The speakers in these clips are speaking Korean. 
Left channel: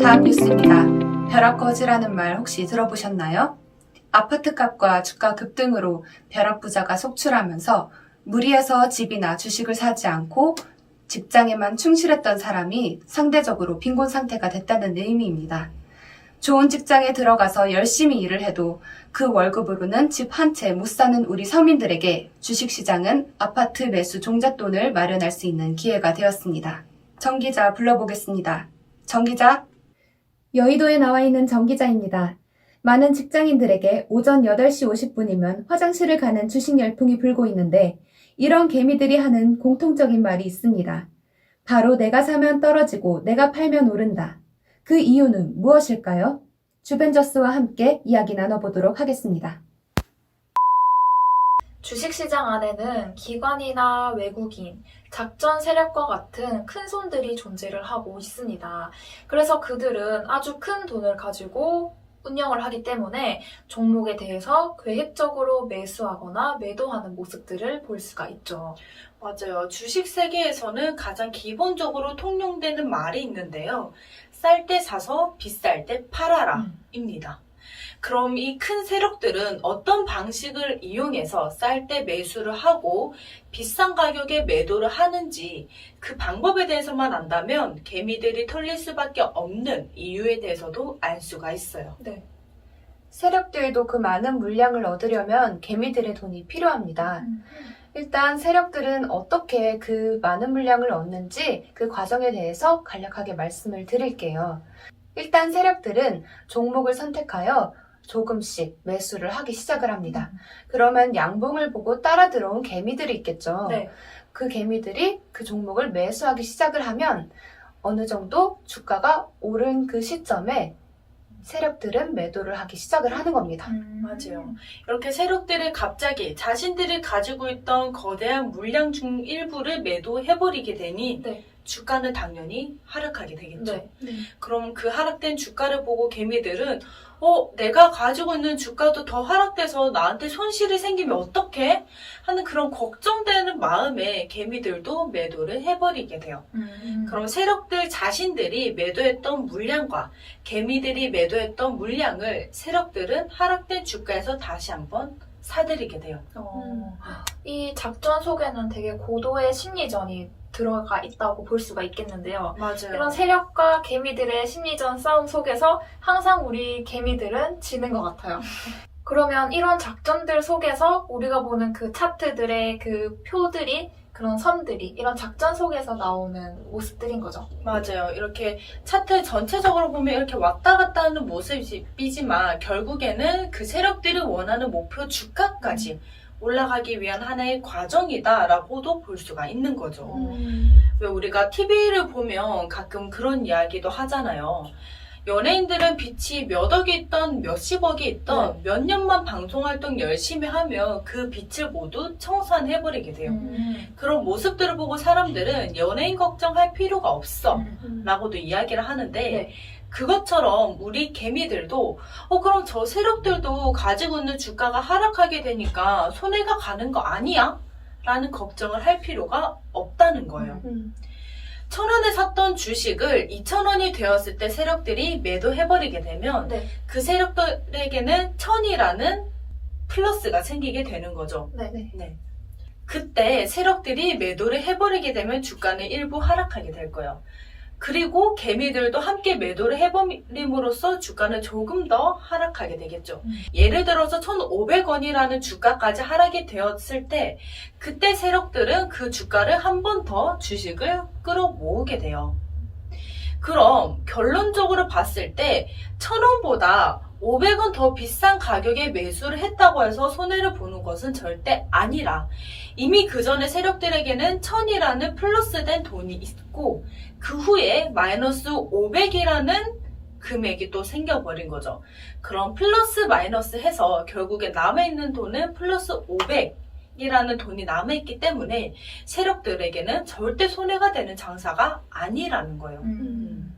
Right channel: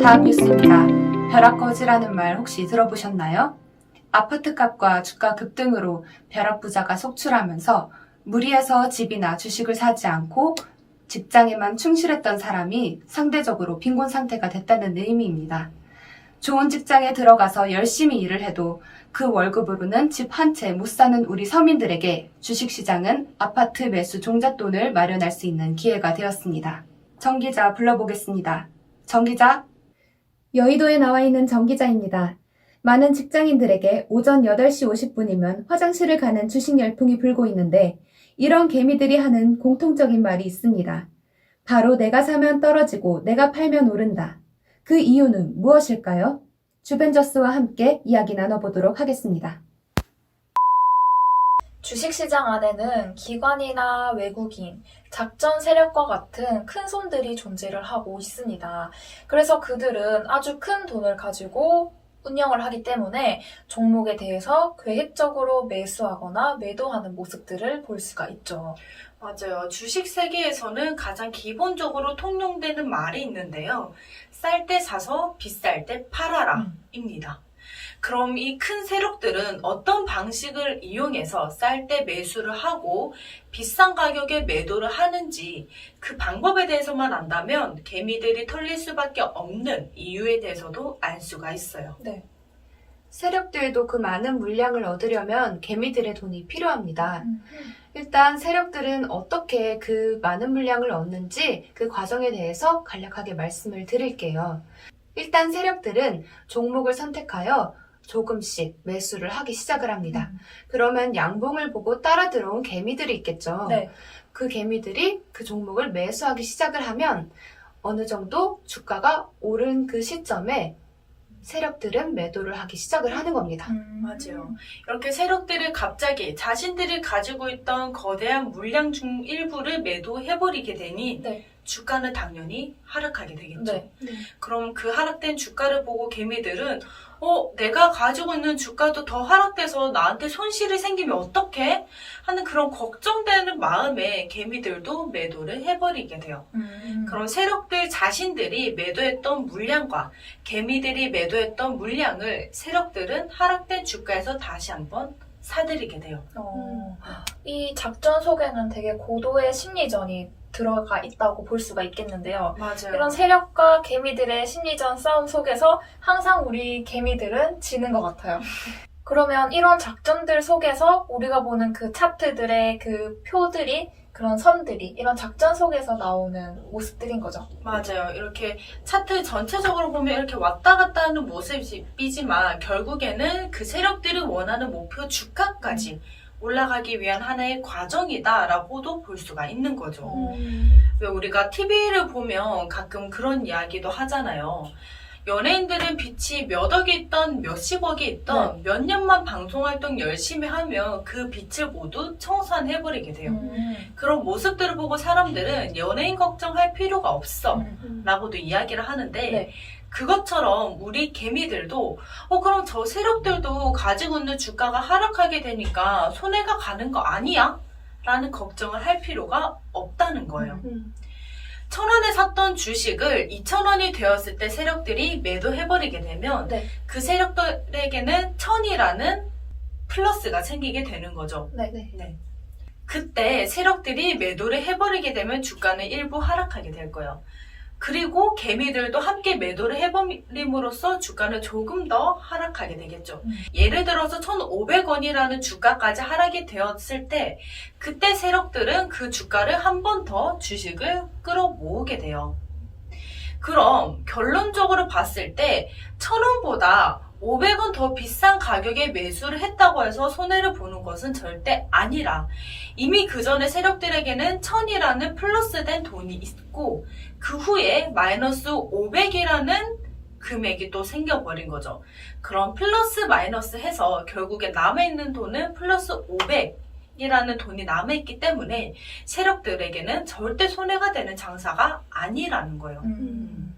다음 뉴스입니다. 벼락거지라는 말 혹시 들어보셨나요? 아파트값과 주가 급등으로 벼락부자가 속출하면서 무리해서 집이나 주식을 사지 않고 직장에만 충실했던 사람이 상대적으로 빈곤 상태가 됐다는 의미입니다. 좋은 직장에 들어가서 열심히 일을 해도 그 월급으로는 집 한 채 못 사는 우리 서민들에게 주식시장은 아파트 매수 종잣돈을 마련할 수 있는 기회가 되었습니다. 정 기자 불러보겠습니다. 정 기자. 여의도에 나와 있는 정 기자입니다. 많은 직장인들에게 오전 8시 50분이면 화장실을 가는 주식 열풍이 불고 있는데 이런 개미들이 하는 공통적인 말이 있습니다. 바로 내가 사면 떨어지고 내가 팔면 오른다. 그 이유는 무엇일까요? 주벤져스와 함께 이야기 나눠보도록 하겠습니다. 주식시장 안에는 기관이나 외국인, 작전 세력과 같은 큰 손들이 존재를 하고 있습니다. 그래서 그들은 아주 큰 돈을 가지고 운영을 하기 때문에 종목에 대해서 계획적으로 매수하거나 매도하는 모습들을 볼 수가 있죠. 맞아요. 주식 세계에서는 가장 기본적으로 통용되는 말이 있는데요. 쌀 때 사서 비쌀 때 팔아라 입니다. 그럼 이 큰 세력들은 어떤 방식을 이용해서 쌀 때 매수를 하고 비싼 가격에 매도를 하는지 그 방법에 대해서만 안다면 개미들이 털릴 수밖에 없는 이유에 대해서도 알 수가 있어요. 네. 세력들도 그 많은 물량을 얻으려면 개미들의 돈이 필요합니다. 일단 세력들은 어떻게 그 많은 물량을 얻는지 그 과정에 대해서 간략하게 말씀을 드릴게요. 일단 세력들은 종목을 선택하여 조금씩 매수를 하기 시작을 합니다. 그러면 양봉을 보고 따라 들어온 개미들이 있겠죠. 네. 그 개미들이 그 종목을 매수하기 시작을 하면 어느 정도 주가가 오른 그 시점에 세력들은 매도를 하기 시작을 하는 겁니다. 맞아요. 이렇게 세력들이 갑자기 자신들이 가지고 있던 거대한 물량 중 일부를 매도해버리게 되니 네. 주가는 당연히 하락하게 되겠죠. 네. 그럼 그 하락된 주가를 보고 개미들은 내가 가지고 있는 주가도 더 하락돼서 나한테 손실이 생기면 어떡해? 하는 그런 걱정되는 마음에 개미들도 매도를 해버리게 돼요. 그럼 세력들 자신들이 매도했던 물량과 개미들이 매도했던 물량을 세력들은 하락된 주가에서 다시 한번 사들이게 돼요. 이 작전 속에는 되게 고도의 심리전이 들어가 있다고 볼 수가 있겠는데요. 맞아요. 이런 세력과 개미들의 심리전 싸움 속에서 항상 우리 개미들은 지는 것 같아요. 그러면 이런 작전들 속에서 우리가 보는 그 차트들의 그 표들이, 그런 선들이 이런 작전 속에서 나오는 모습들인 거죠. 맞아요. 이렇게 차트 전체적으로 보면 이렇게 왔다 갔다 하는 모습이지만 결국에는 그 세력들이 원하는 목표 주가까지 올라가기 위한 하나의 과정이다라고도 볼 수가 있는 거죠. 왜 우리가 TV를 보면 가끔 그런 이야기도 하잖아요. 연예인들은 빚이 몇 억이 있던 몇십억이 있던 몇 년만 방송활동 열심히 하면 그 빚을 모두 청산해버리게 돼요. 그런 모습들을 보고 사람들은 연예인 걱정할 필요가 없어 라고도 이야기를 하는데 네. 그것처럼 우리 개미들도 그럼 저 세력들도 가지고 있는 주가가 하락하게 되니까 손해가 가는 거 아니야? 라는 걱정을 할 필요가 없다는 거예요. 1,000원에 샀던 주식을 2,000원이 되었을 때 세력들이 매도해버리게 되면 네. 그 세력들에게는 1,000이라는 플러스가 생기게 되는 거죠. 네. 그때 세력들이 매도를 해버리게 되면 주가는 일부 하락하게 될 거예요. 그리고 개미들도 함께 매도를 해버림으로써 주가는 조금 더 하락하게 되겠죠. 예를 들어서 1,500원이라는 주가까지 하락이 되었을 때 그때 세력들은 그 주가를 한 번 더 주식을 끌어모으게 돼요. 그럼 결론적으로 봤을 때 1,000원보다 500원 더 비싼 가격에 매수를 했다고 해서 손해를 보는 것은 절대 아니라 이미 그 전에 세력들에게는 1,000이라는 플러스된 돈이 있고 그 후에 마이너스 500이라는 금액이 또 생겨버린 거죠. 그럼 플러스 마이너스 해서 결국에 남아있는 돈은 플러스 500이라는 돈이 남아있기 때문에 세력들에게는 절대 손해가 되는 장사가 아니라는 거예요.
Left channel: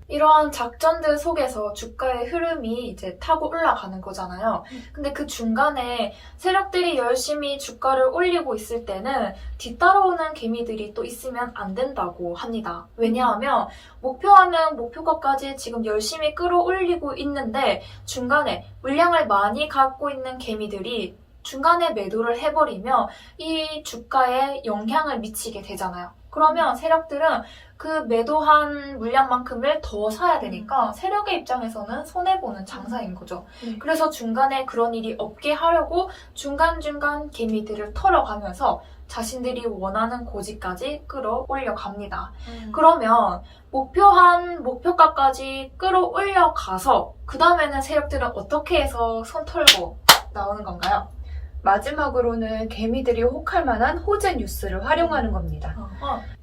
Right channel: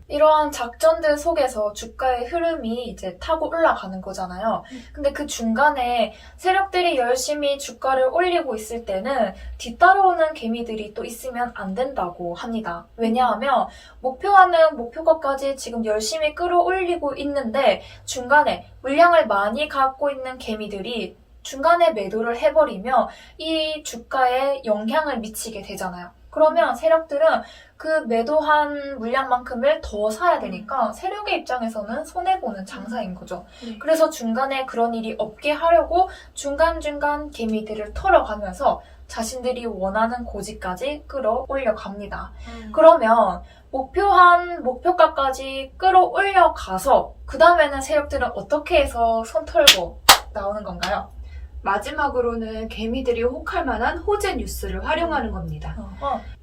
이러한 작전들 속에서 주가의 흐름이 이제 타고 올라가는 거잖아요. 근데 그 중간에 세력들이 열심히 주가를 올리고 있을 때는 뒤따라오는 개미들이 또 있으면 안 된다고 합니다. 왜냐하면 목표하는 목표가까지 지금 열심히 끌어올리고 있는데 중간에 물량을 많이 갖고 있는 개미들이 중간에 매도를 해버리면 이 주가에 영향을 미치게 되잖아요. 그러면 세력들은 그 매도한 물량만큼을 더 사야 되니까 세력의 입장에서는 손해보는 장사인 거죠. 네. 그래서 중간에 그런 일이 없게 하려고 중간중간 개미들을 털어가면서 자신들이 원하는 고지까지 끌어올려 갑니다. 그러면 목표한 목표가까지 끌어올려 가서 그 다음에는 세력들은 어떻게 해서 손 털고 나오는 건가요? 마지막으로는 개미들이 혹할 만한 호재 뉴스를 활용하는 겁니다.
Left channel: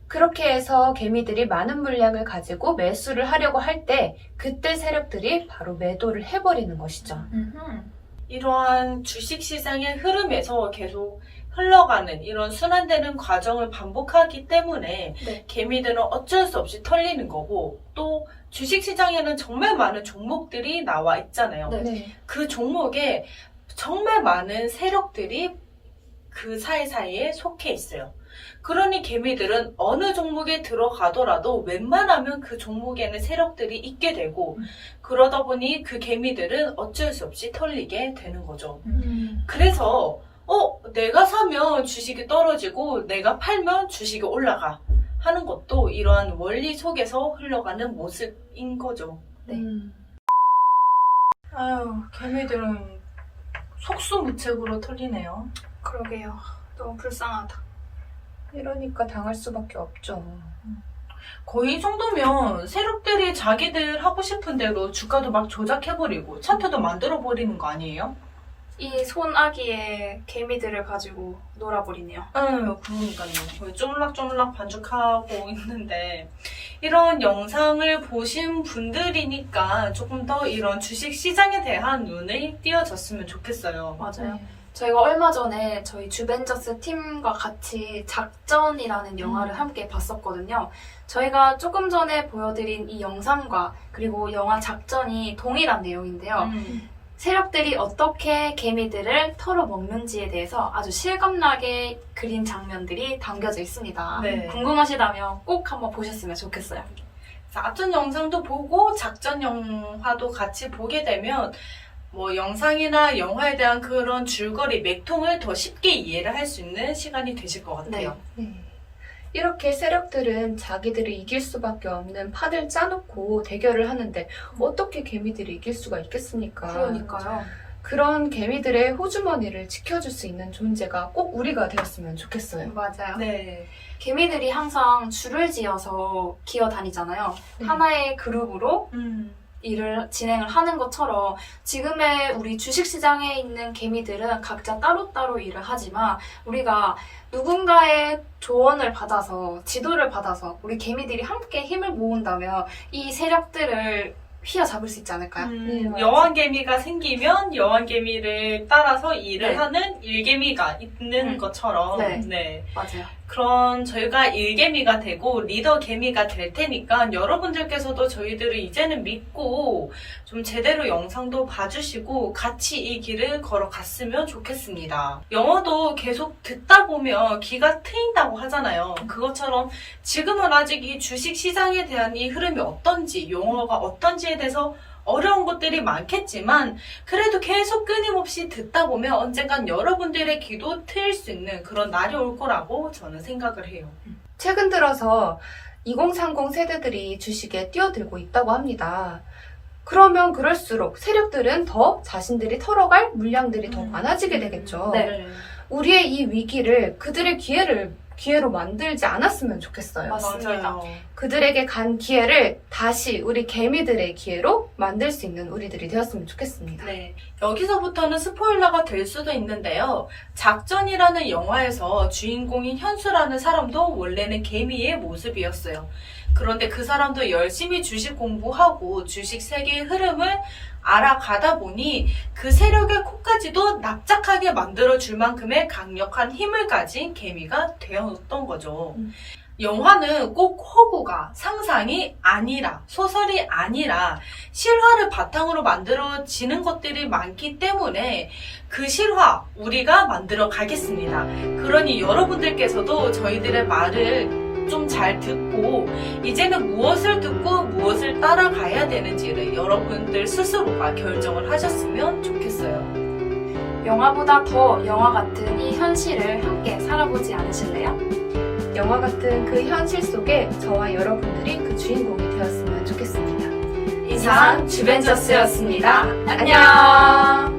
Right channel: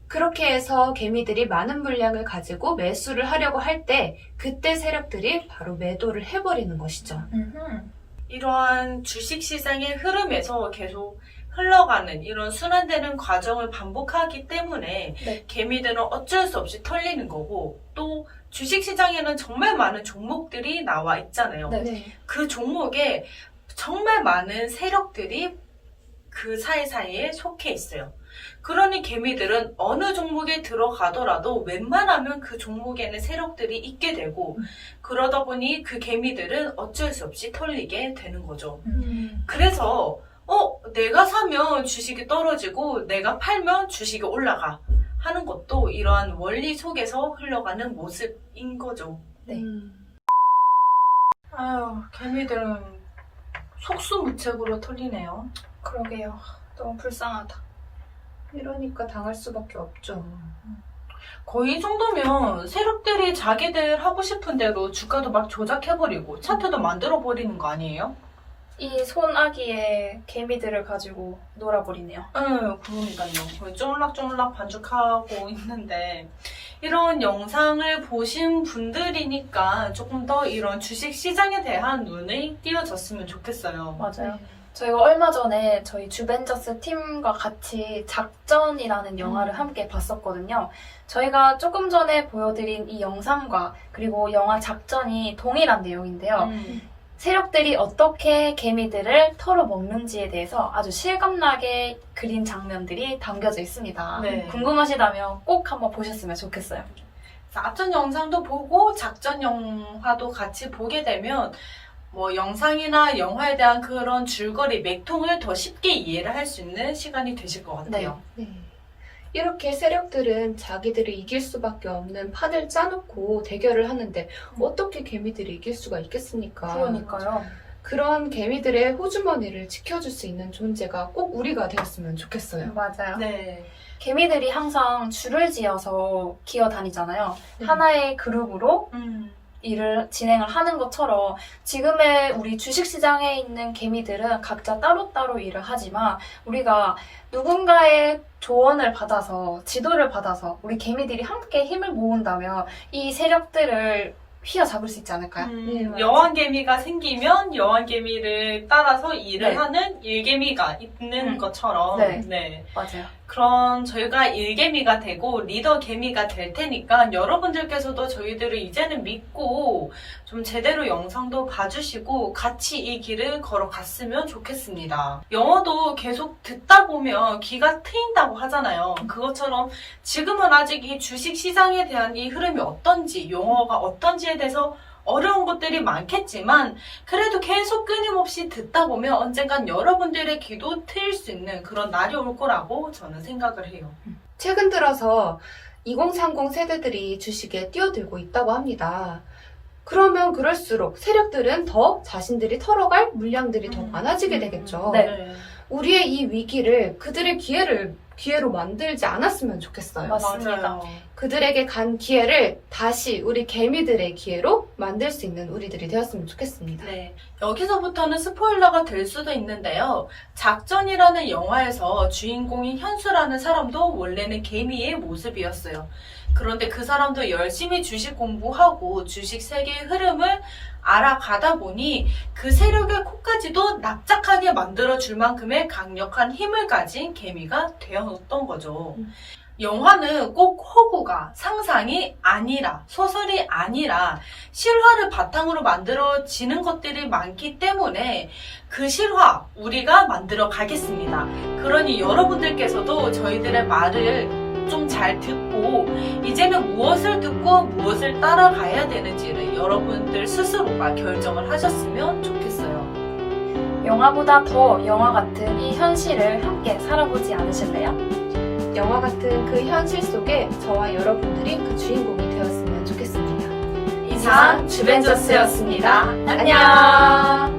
그렇게 해서 개미들이 많은 물량을 가지고 매수를 하려고 할 때 그때 세력들이 바로 매도를 해버리는 것이죠. 이러한 주식시장의 흐름에서 계속 흘러가는 이런 순환되는 과정을 반복하기 때문에 네. 개미들은 어쩔 수 없이 털리는 거고 또 주식시장에는 정말 많은 종목들이 나와 있잖아요. 네. 그 종목에 정말 많은 세력들이 그 사이사이에 속해 있어요. 그러니 개미들은 어느 종목에 들어가더라도 웬만하면 그 종목에는 세력들이 있게 되고 그러다 보니 그 개미들은 어쩔 수 없이 털리게 되는 거죠. 그래서 내가 사면 주식이 떨어지고 내가 팔면 주식이 올라가 하는 것도 이러한 원리 속에서 흘러가는 모습인 거죠. 네. 아유, 개미들은 속수무책으로 털리네요. 그러게요. 너무 불쌍하다. 이러니까 당할 수밖에 없죠. 거의 이 정도면 세력들이 자기들 하고 싶은 대로 주가도 막 조작해버리고 차트도 만들어버리는 거 아니에요? 이 손아귀에 개미들을 가지고 놀아버리네요. 그러니까요. 거의 쪼물락쪼물락 반죽하고 있는데 이런 영상을 보신 분들이니까 조금 더 이런 주식시장에 대한 눈이 띄어졌으면 좋겠어요. 맞아요. 저희가 얼마 전에 저희 주벤져스 팀과 같이 작전이라는 영화를 함께 봤었거든요. 저희가 조금 전에 보여드린 이 영상과 그리고 영화 작전이 동일한 내용인데요. 세력들이 어떻게 개미들을 털어먹는지에 대해서 아주 실감나게 그린 장면들이 담겨져 있습니다. 네. 궁금하시다면 꼭 한번 보셨으면 좋겠어요. 작전 영상도 보고 작전 영화도 같이 보게 되면 뭐 영상이나 영화에 대한 그런 줄거리, 맥통을 더 쉽게 이해를 할 수 있는 시간이 되실 것 같아요. 네. 이렇게 세력들은 자기들이 이길 수밖에 없는 판을 짜놓고 대결을 하는데 어떻게 개미들이 이길 수가 있겠습니까? 그러니까요. 그런 개미들의 호주머니를 지켜줄 수 있는 존재가 꼭 우리가 되었으면 좋겠어요. 맞아요. 네. 개미들이 항상 줄을 지어서 기어 다니잖아요. 네. 하나의 그룹으로 일을 진행을 하는 것처럼 지금의 우리 주식시장에 있는 개미들은 각자 따로따로 일을 하지만 우리가 누군가의 조언을 받아서 지도를 받아서 우리 개미들이 함께 힘을 모은다면 이 세력들을 휘어잡을 수 있지 않을까요? 네, 맞아요. 여왕개미가 생기면 여왕개미를 따라서 일을 네. 하는 일개미가 있는 것처럼 네. 맞아요. 그런 저희가 일개미가 되고 리더개미가 될 테니까 여러분들께서도 저희들을 이제는 믿고 좀 제대로 영상도 봐주시고 같이 이 길을 걸어갔으면 좋겠습니다. 영어도 계속 듣다 보면 귀가 트인다고 하잖아요. 그것처럼 지금은 아직 이 주식시장에 대한 이 흐름이 어떤지 용어가 어떤지에 대해서 어려운 것들이 많겠지만 그래도 계속 끊임없이 듣다 보면 언젠간 여러분들의 귀도 트일 수 있는 그런 날이 올 거라고 저는 생각을 해요. 최근 들어서 2030 세대들이 주식에 뛰어들고 있다고 합니다. 그러면 그럴수록 세력들은 더 자신들이 털어갈 물량들이 더 많아지게 되겠죠. 네. 우리의 이 위기를 그들의 기회로 만들지 않았으면 좋겠어요. 맞습니다. 맞아요. 그들에게 간 기회를 다시 우리 개미들의 기회로 만들 수 있는 우리들이 되었으면 좋겠습니다. 네. 여기서부터는 스포일러가 될 수도 있는데요. 작전이라는 영화에서 주인공인 현수라는 사람도 원래는 개미의 모습이었어요. 그런데 그 사람도 열심히 주식 공부하고 주식 세계의 흐름을 알아가다 보니 그 세력의 코까지도 납작하게 만들어줄 만큼의 강력한 힘을 가진 개미가 되었던 거죠. 영화는 꼭 허구가 상상이 아니라 소설이 아니라 실화를 바탕으로 만들어지는 것들이 많기 때문에 그 실화 우리가 만들어 가겠습니다. 그러니 여러분들께서도 저희들의 말을 좀 잘 듣고 이제는 무엇을 듣고 무엇을 따라가야 되는지를 여러분들 스스로가 결정을 하셨으면 좋겠어요. 영화보다 더 영화 같은 이 현실을 함께 살아보지 않으실래요? 영화 같은 그 현실 속에 저와 여러분들이 그 주인공이 되었으면 좋겠습니다. 이상 주벤져스였습니다. 안녕!